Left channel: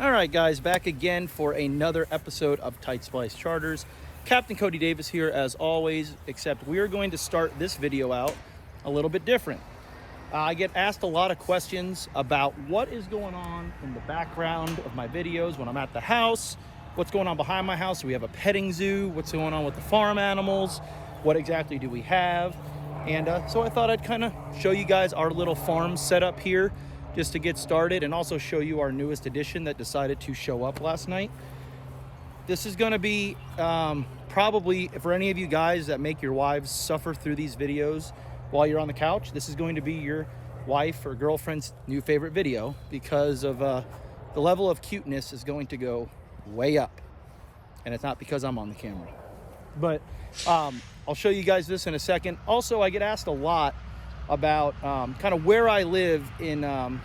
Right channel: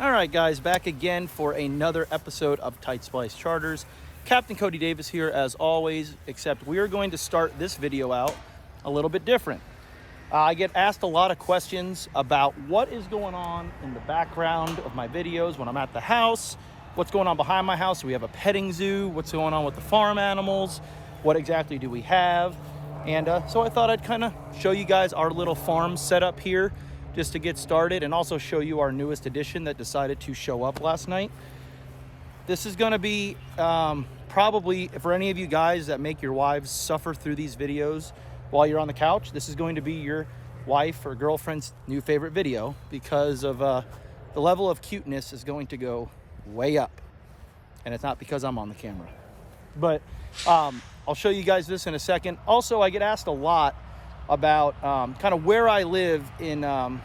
All right, guys, back again for another episode of Tight Splice Charters. Captain Cody Davis here as always, except we are going to start this video out a little bit different. I get asked a lot of questions about what is going on in the background of my videos when I'm at the house, what's going on behind my house. Do we have a petting zoo? What's going on with the farm animals? What exactly do we have? And so I thought I'd kind of show you guys our little farm setup here just to get started, and also show you our newest addition that decided to show up last night. This is going to be probably, for any of you guys that make your wives suffer through these videos while you're on the couch, this is going to be your wife or girlfriend's new favorite video, because of the level of cuteness is going to go way up. And it's not because I'm on the camera. But I'll show you guys this in a second. Also, I get asked a lot about kind of where I live in,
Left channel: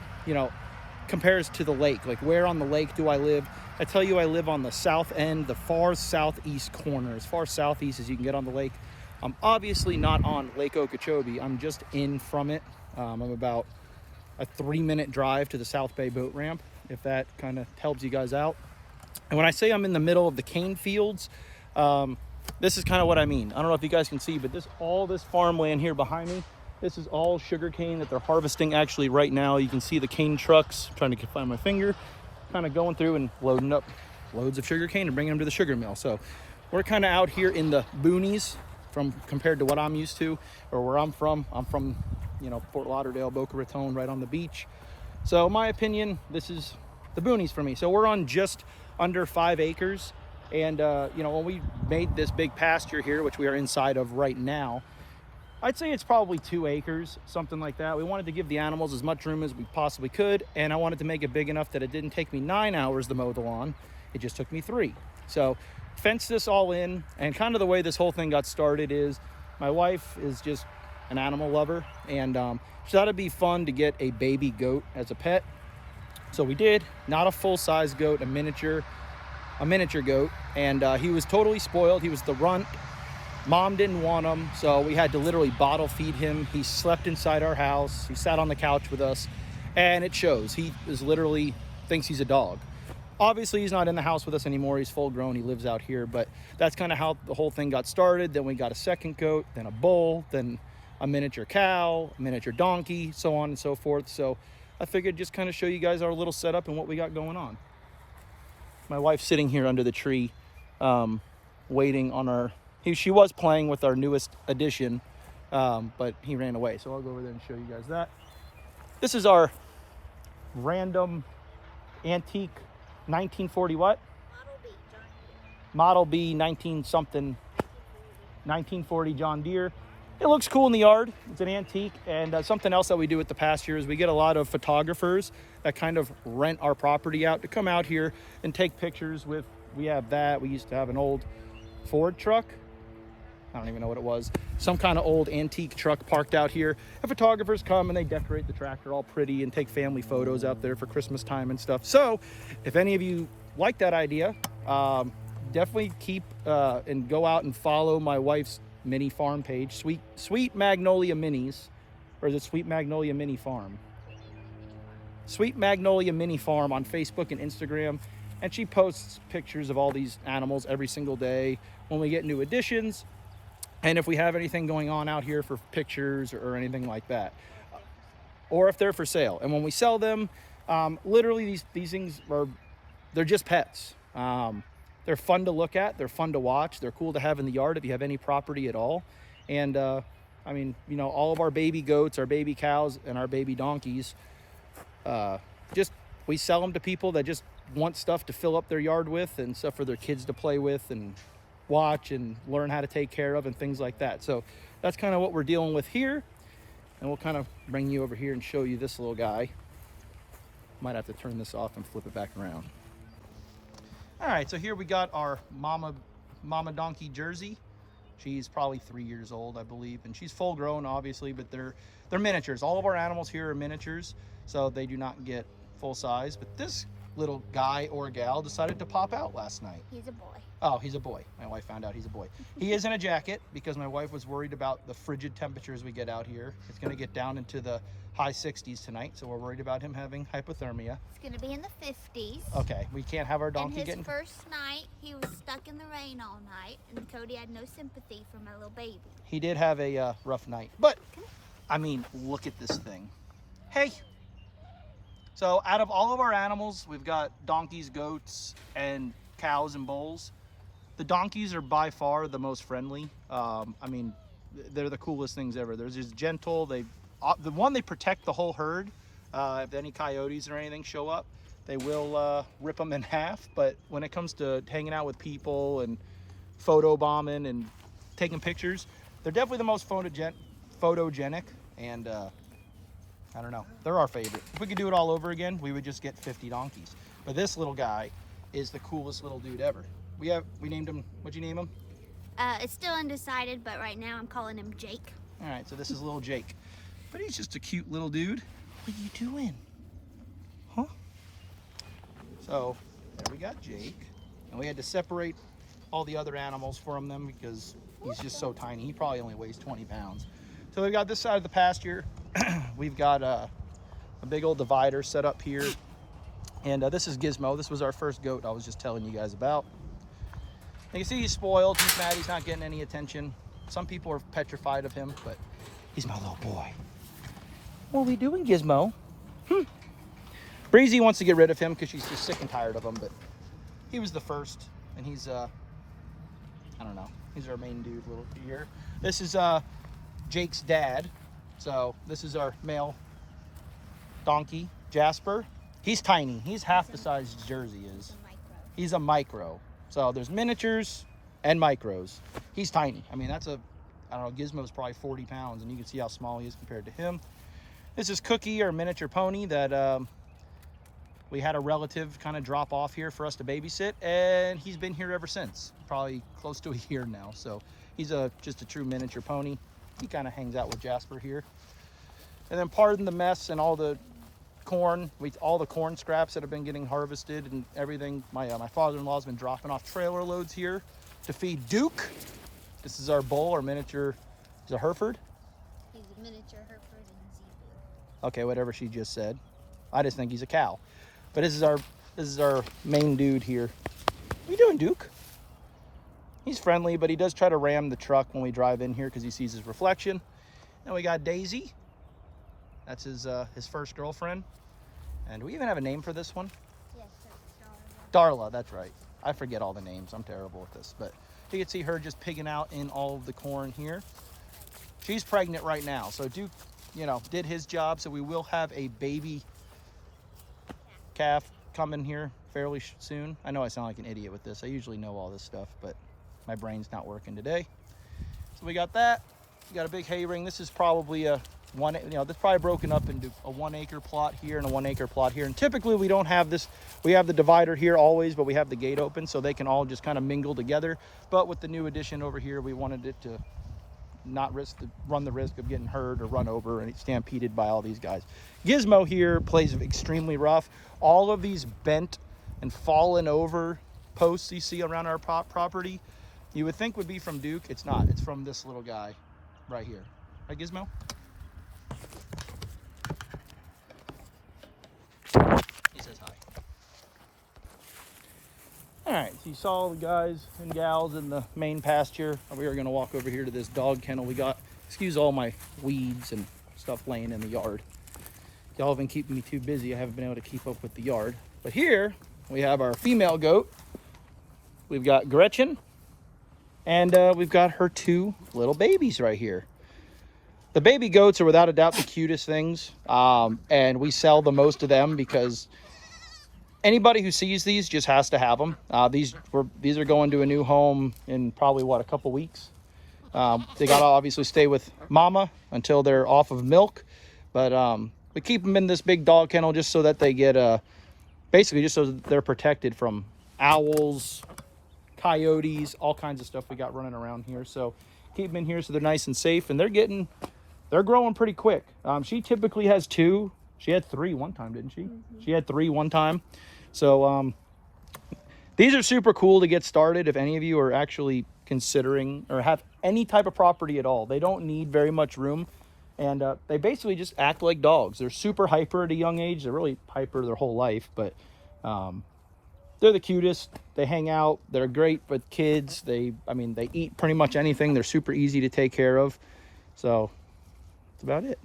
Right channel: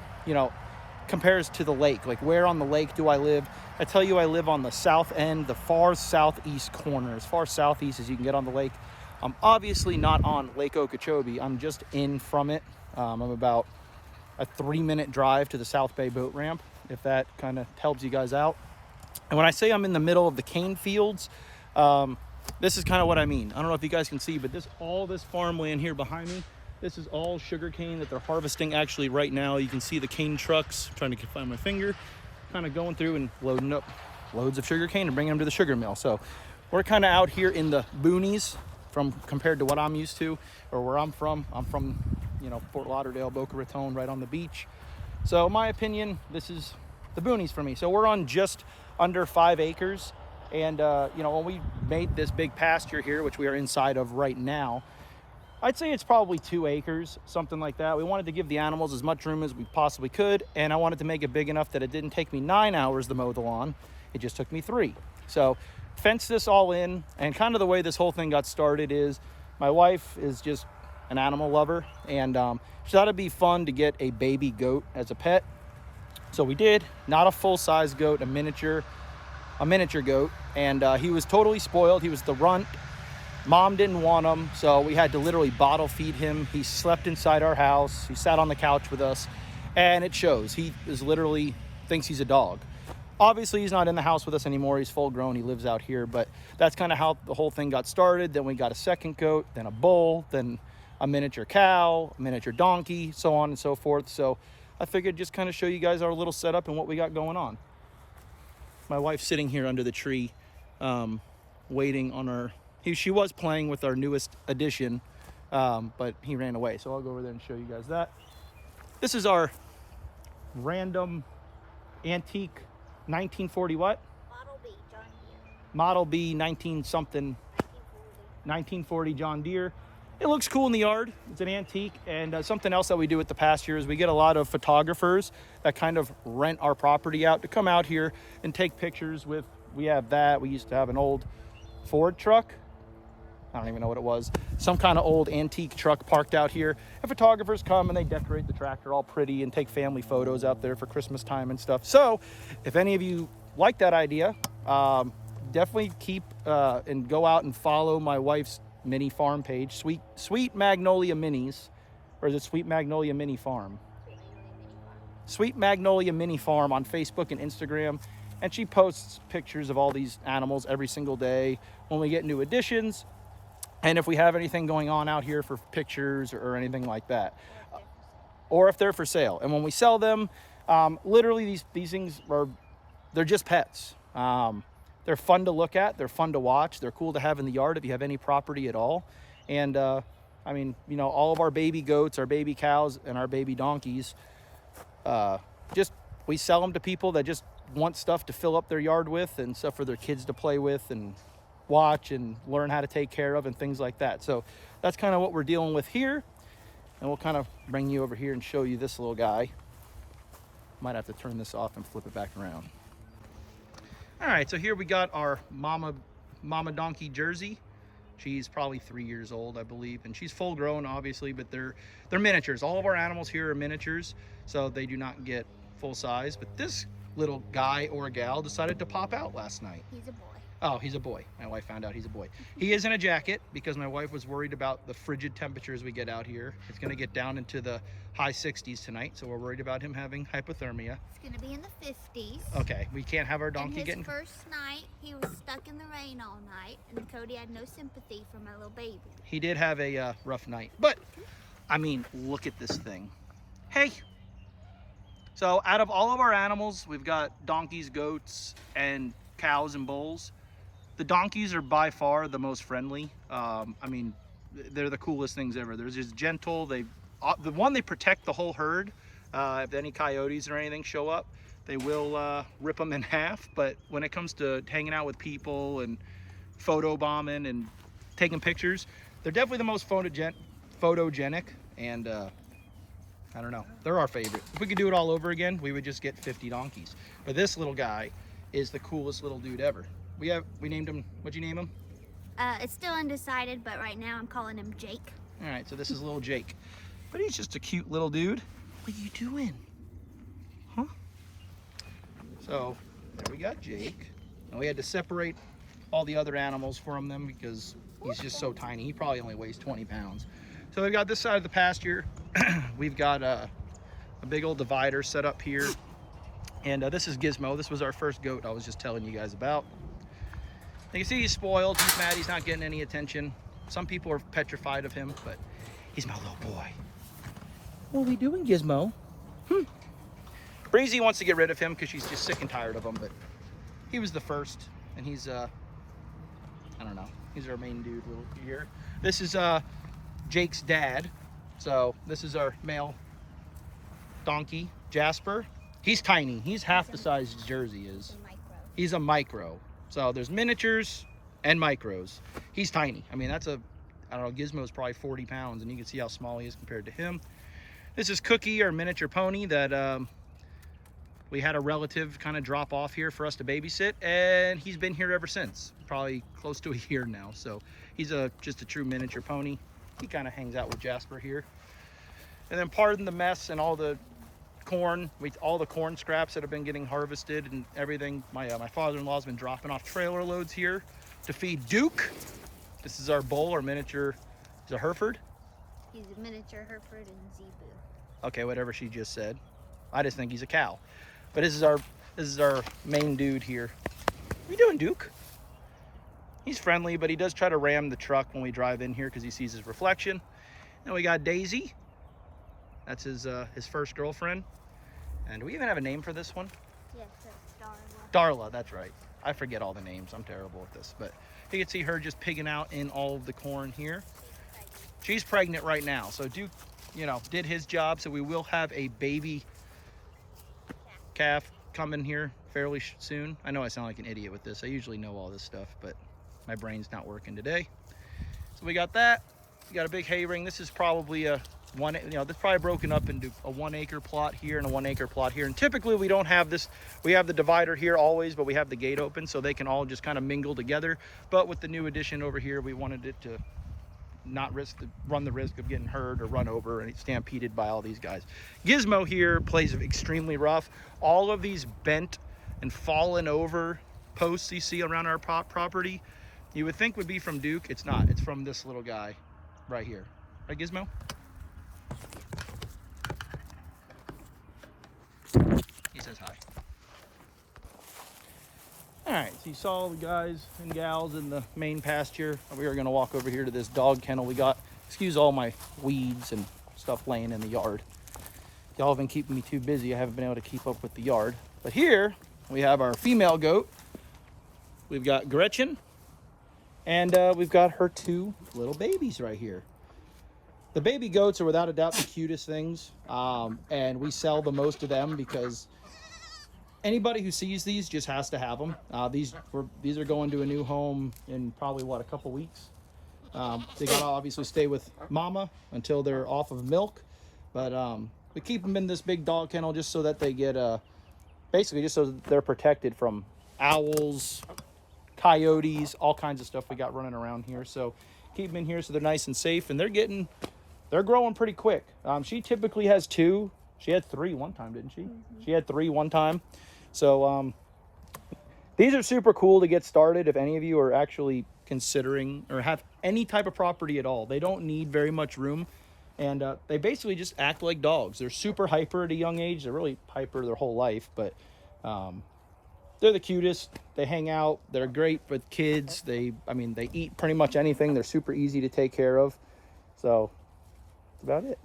compares to the lake. Like, where on the lake do I live? I tell you, I live on the south end, the far southeast corner, as far southeast as you can get on the lake. I'm obviously not on Lake Okeechobee. I'm just in from it. I'm about a 3-minute drive to the South Bay boat ramp, if that kind of helps you guys out. And when I say I'm in the middle of the cane fields, this is kind of what I mean. I don't know if you guys can see, but all this farmland here behind me, this is all sugar cane that they're harvesting actually right now. You can see the cane trucks, trying to find my finger, kind of going through and loading up loads of sugar cane and bringing them to the sugar mill. So we're kind of out here in the boonies compared to what I'm used to, or where I'm from. I'm from, Fort Lauderdale, Boca Raton, right on the beach. So in my opinion, this is the boonies for me. So we're on just under 5 acres. And, when we made this big pasture here, which we are inside of right now, I'd say it's probably 2 acres, something like that. We wanted to give the animals as much room as we possibly could, and I wanted to make it big enough that it didn't take me 9 hours to mow the lawn. It just took me 3. So fenced this all in, and kind of the way this whole thing got started is my wife is just an animal lover, and she thought it'd be fun to get a baby goat as a pet. So we did. Not a full-size goat, a miniature goat, and he was totally spoiled. He was the runt. Mom didn't want him, so we had to literally bottle feed him. He slept inside our house. He sat on the couch with us, and it shows. He is literally thinks he's a dog. Obviously, he's not in the house with us anymore. He's full grown. He lives out here, but that's kind of how the whole thing got started. Then we got a second goat, then a bull, then a miniature cow, a miniature donkey, so on and so forth. So I figured just kind of show you guys our little setup and what we got going on. My wife's sitting here under the tree, waiting on our... She was playing with our newest addition, but he ran away. So I'll go over there and show you guys that. This is our random antique 1940 what? Model B 19-something, 1940 John Deere. It looks cool in the yard. It's an antique. And something else that we do at the pasture is we get a lot of photographers that kind of rent our property out to come out here and take pictures with... We have that. We used to have an old Ford truck. I don't even know what it was. Some kind of old antique truck parked out here. And photographers come and they decorate the tractor all pretty and take family photos out there for Christmas time and stuff. So if any of you like that idea, definitely keep and go out and follow my wife's mini farm page, Sweet Magnolia Minis, or is it Sweet Magnolia Mini Farm? Sweet Magnolia Mini Farm on Facebook and Instagram. And she posts pictures of all these animals every single day when we get new additions, and if we have anything going on out here for pictures or anything like that, or if they're for sale. And when we sell them, literally these things they're just pets. They're fun to look at. They're fun to watch. They're cool to have in the yard if you have any property at all. And all of our baby goats, our baby cows, and our baby donkeys, we sell them to people that just want stuff to fill up their yard with, and stuff for their kids to play with and watch and learn how to take care of and things like that. So that's kind of what we're dealing with here. And we'll kind of bring you over here and show you this little guy. Might have to turn this off and flip it back around. All right, so here we got our mama donkey Jersey. She's probably 3 years old, I believe, and she's full grown, obviously, but they're miniatures. All of our animals here are miniatures, so they do not get full size. But this little guy or gal decided to pop out last night. He's a boy. Oh, he's a boy. My wife found out he's a boy. He is in a jacket because my wife was worried about the frigid temperatures we get out here. It's going to get down into the high 60s tonight, so we're worried about him having hypothermia. It's going to be in the 50s. Okay, we can't have our donkey getting... And his first night, he was stuck in the rain all night, and Cody had no sympathy for my little baby. He did have a rough night, but, I mean, look at this thing. Hey! So, out of all of our animals, we've got donkeys, goats, and cows and bulls. The donkeys are by far the most friendly. I mean, they're the coolest things ever. They're just gentle. They protect the whole herd. If any coyotes or anything show up, they will rip them in half. But when it comes to hanging out with people and photo bombing and taking pictures, they're definitely the most photogenic. And I don't know, they're our favorite. If we could do it all over again, we would just get 50 donkeys. But this little guy is the coolest little dude ever. We named him, what'd you name him? It's still undecided, but right now I'm calling him Jake. All right, so this is little Jake. But he's just a cute little dude. What are you doing? Huh? So, there we got Jake. And we had to separate all the other animals from them because he's just so tiny. He probably only weighs 20 pounds. So we've got this side of the pasture. We've got a big old divider set up here. And this is Gizmo. This was our first goat I was just telling you guys about. You can see he's spoiled. He's mad he's not getting any attention. Some people are petrified of him, but he's my little boy. What are we doing, Gizmo? Breezy wants to get rid of him because she's just sick and tired of him, but he was the first, and he's, I don't know, he's our main dude little here. This is Jake's dad. So this is our male donkey, Jasper. He's tiny. He's half the size Jersey is. He's a micro. So there's miniatures and micros. He's tiny. I mean, that's I don't know, Gizmo's probably 40 pounds, and you can see how small he is compared to him. This is Cookie, our miniature pony that we had a relative kind of drop off here for us to babysit, and he's been here ever since. Probably close to a year now. So he's just a true miniature pony. He kind of hangs out with Jasper here. And then pardon the mess and all the corn, all the corn scraps that have been getting harvested and everything. My father-in-law's been dropping off trailer loads here to feed Duke. This is our bull, our miniature. Is a Hereford? He's a miniature Hereford and Zebu. Okay, whatever she just said. I just think he's a cow. But this is our main dude here. What you doing, Duke? He's friendly, but he does try to ram the truck when we drive in here because he sees his reflection. And we got Daisy. That's his first girlfriend. And do we even have a name for this one? Yes, that's Darla. Darla, that's right. I forget all the names. I'm terrible at this. But you can see her just pigging out in all of the corn here. She's pregnant right now. So Duke, did his job. So we will have a baby calf coming here fairly soon. I know I sound like an idiot with this. I usually know all this stuff, but my brain's not working today. So we got that. We got a big hay ring. This is probably this is probably broken up into a 1 acre plot here and a 1 acre plot here. And typically we don't have this. We have the divider here always, but we have the gate open so they can all just kind of mingle together. But with the new addition over here, we wanted it to not run the risk of getting hurt or run over and stampeded by all these guys. Gizmo here plays extremely rough. All of these bent and fallen over posts you see around our property, you would think would be from Duke. It's not. It's from this little guy right here. Right, Gizmo? He says hi. All right, so you saw the guys and gals in the main pasture. We are gonna walk over here to this dog kennel we got. Excuse all my weeds and stuff laying in the yard. Y'all have been keeping me too busy. I haven't been able to keep up with the yard. But here we have our female goat. We've got Gretchen, and we've got her 2 little babies right here. The baby goats are without a doubt the cutest things, and we sell the most of them because anybody who sees these just has to have them. These are going to a new home in probably, a couple weeks. They got to obviously stay with mama until they're off of milk, but we keep them in this big dog kennel just so that they get, basically just so they're protected from owls, coyotes, all kinds of stuff we got running around here. So keep them in here so they're nice and safe, and they're growing pretty quick. She typically has 2. She had 3 one time, didn't she? Mm-hmm. She had 3 one time. So these are super cool to get started if any of you are actually considering or have any type of property at all. They don't need very much room, and they basically just act like dogs. They're super hyper at a young age. They're really hyper their whole life, but they're the cutest. They hang out. They're great with kids. They eat pretty much anything. They're super easy to take care of. So that's about it.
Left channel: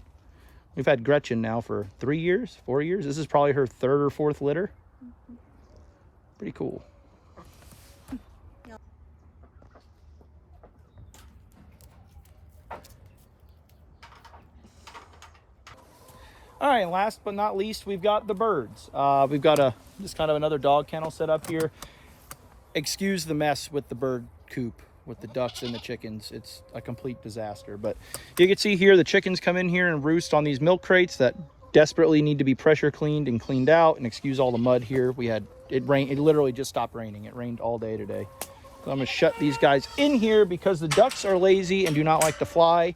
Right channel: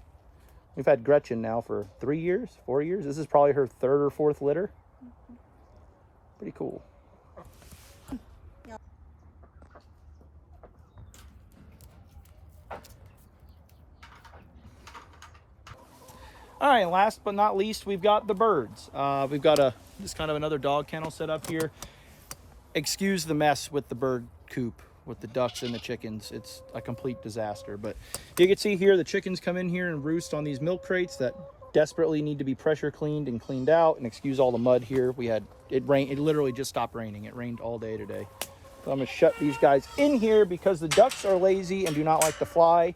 We've had Gretchen now for 3 years, 4 years. This is probably her 3rd or 4th litter. Pretty cool. All right, and last but not least, we've got the birds. We've got just kind of another dog kennel set up here. Excuse the mess with the bird coop, with the ducks and the chickens. It's a complete disaster. But you can see here, the chickens come in here and roost on these milk crates that desperately need to be pressure cleaned and cleaned out. And excuse all the mud here. It literally just stopped raining. It rained all day today. So I'm gonna shut these guys in here because the ducks are lazy and do not like to fly.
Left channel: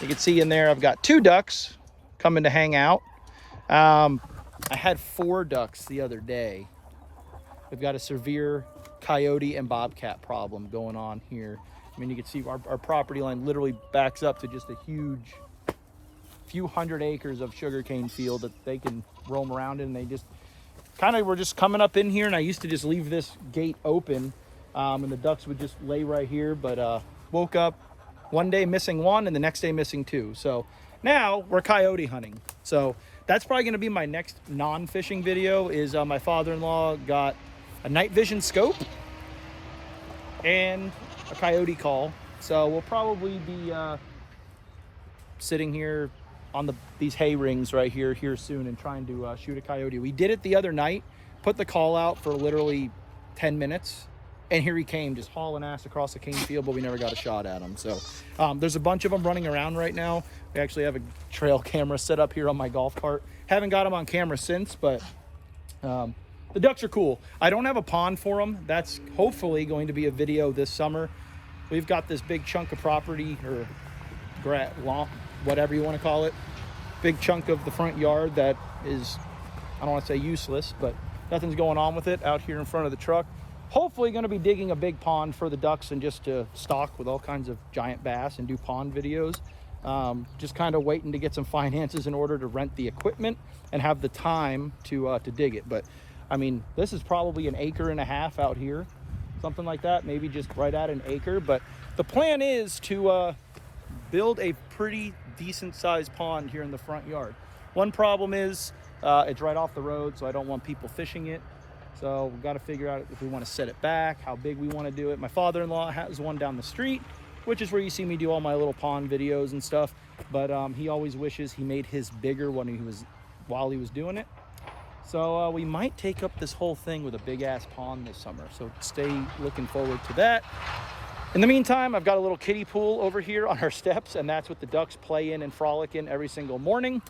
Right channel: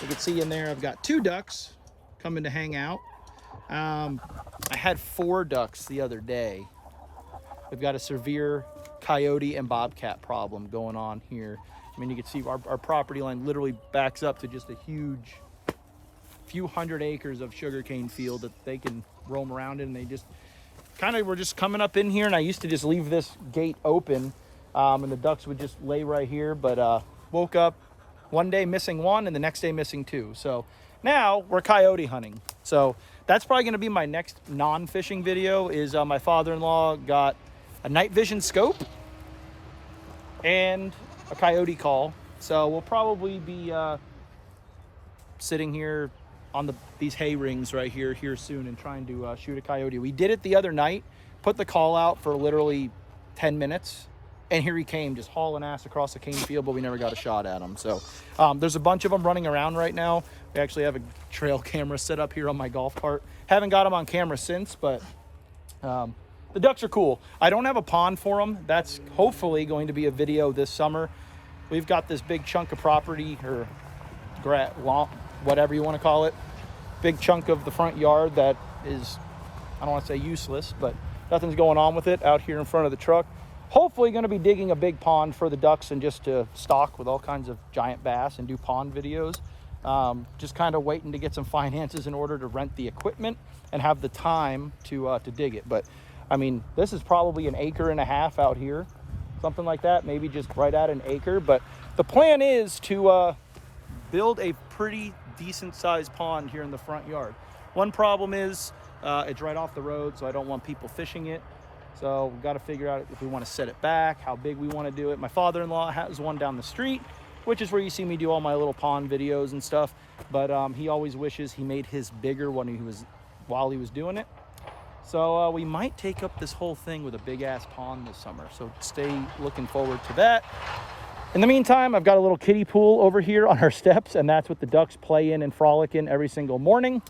You can see in there, I've got 2 ducks coming to hang out. I had 4 ducks the other day. We've got a severe coyote and bobcat problem going on here. I mean, you can see our property line literally backs up to just a huge few hundred acres of sugarcane field that they can roam around in. They just were just coming up in here, and I used to just leave this gate open, and the ducks would just lay right here, but woke up one day missing 1 and the next day missing 2. So now we're coyote hunting. So that's probably going to be my next non-fishing video. Is my father-in-law got a night vision scope and a coyote call. So we'll probably be sitting here on these hay rings right here soon and trying to shoot a coyote. We did it the other night, put the call out for literally 10 minutes, and here he came just hauling ass across the cane field, but we never got a shot at him. So there's a bunch of them running around right now. We actually have a trail camera set up here on my golf cart. Haven't got them on camera since, but the ducks are cool. I don't have a pond for them. That's hopefully going to be a video this summer. We've got this big chunk of property, or lawn, whatever you want to call it. Big chunk of the front yard that is, I don't want to say useless, but nothing's going on with it out here in front of the truck. Hopefully going to be digging a big pond for the ducks and just to stock with all kinds of giant bass and do pond videos. Just kind of waiting to get some finances in order to rent the equipment and have the time to dig it. But I mean, this is probably 1.5 acres out here, something like that, maybe just right at 1 acre. But the plan is to build a pretty decent sized pond here in the front yard. One problem is it's right off the road, so I don't want people fishing it. So we've got to figure out if we want to set it back, how big we want to do it. My father-in-law has one down the street, which is where you see me do all my little pond videos and stuff. But he always wishes he made his bigger while he was doing it. So we might take up this whole thing with a big ass pond this summer. So stay looking forward to that. In the meantime, I've got a little kiddie pool over here on our steps, and that's what the ducks play in and frolic in every single morning.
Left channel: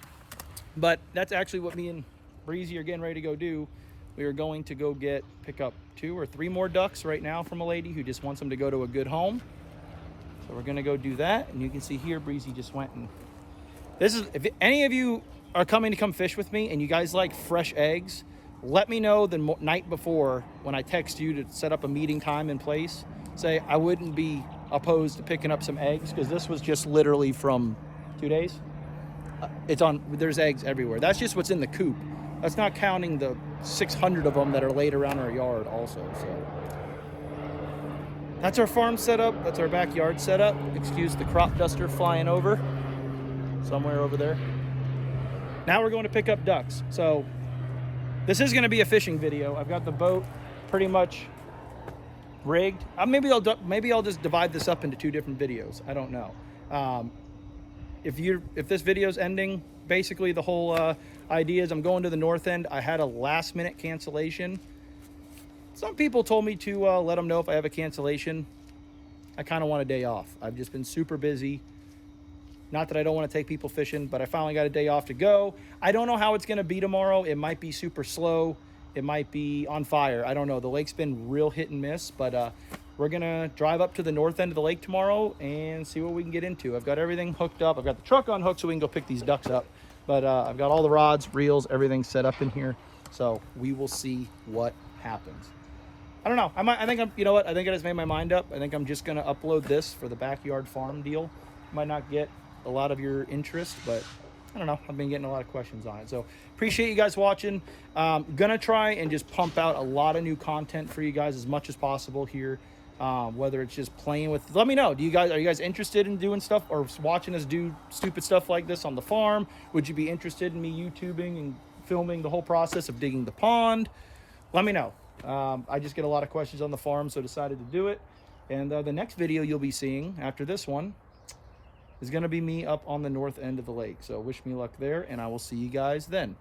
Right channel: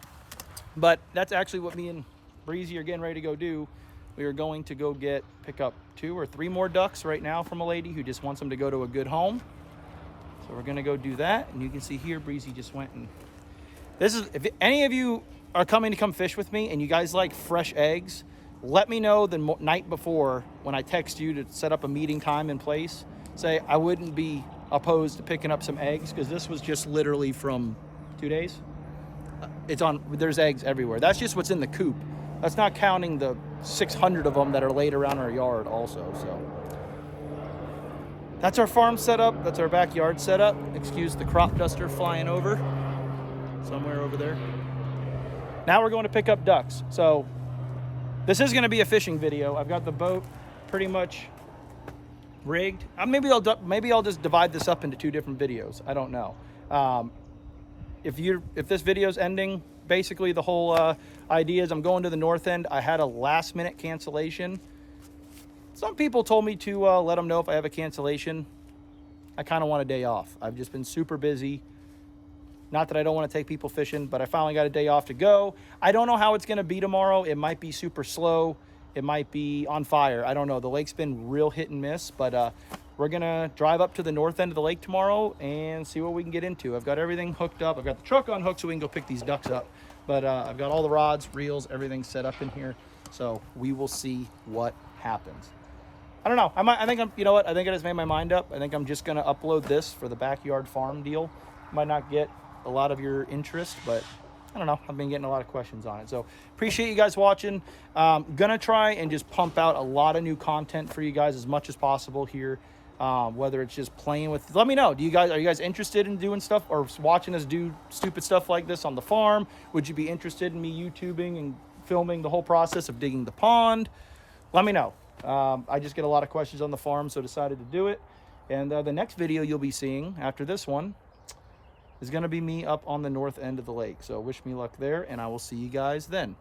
But that's actually what me and Breezy are getting ready to go do. We are going to go pick up 2 or 3 more ducks right now from a lady who just wants them to go to a good home. So we're gonna go do that. And you can see here, Breezy just went and if any of you are coming to come fish with me and you guys like fresh eggs, let me know the night before when I text you to set up a meeting time and place. Say I wouldn't be opposed to picking up some eggs, because this was just literally from 2 days. There's eggs everywhere. That's just what's in the coop. That's not counting the 600 of them that are laid around our yard also. So that's our farm setup. That's our backyard setup. Excuse the crop duster flying over somewhere over there. Now we're going to pick up ducks. So this is going to be a fishing video. I've got the boat pretty much rigged. Maybe I'll just divide this up into 2 different videos. I don't know. If this video's ending, basically the whole idea is I'm going to the north end. I had a last minute cancellation. Some people told me to let them know if I have a cancellation. I kind of want a day off. I've just been super busy. Not that I don't want to take people fishing, but I finally got a day off to go. I don't know how it's going to be tomorrow. It might be super slow. It might be on fire. I don't know. The lake's been real hit and miss, but we're going to drive up to the north end of the lake tomorrow and see what we can get into. I've got everything hooked up. I've got the truck on hook so we can go pick these ducks up. But I've got all the rods, reels, everything set up in here. So we will see what happens. I don't know. I think I'm, you know what? I think I just made my mind up. I think I'm just going to upload this for the backyard farm deal. Might not get a lot of your interest, but I don't know. I've been getting a lot of questions on it. So appreciate you guys watching. Gonna try and just pump out a lot of new content for you guys as much as possible here. Whether it's just playing with, let me know. Are you guys interested in doing stuff or watching us do stupid stuff like this on the farm? Would you be interested in me YouTubing and filming the whole process of digging the pond? Let me know. I just get a lot of questions on the farm, so decided to do it. And the next video you'll be seeing after this one is going to be me up on the north end of the lake. So wish me luck there, and I will see you guys then.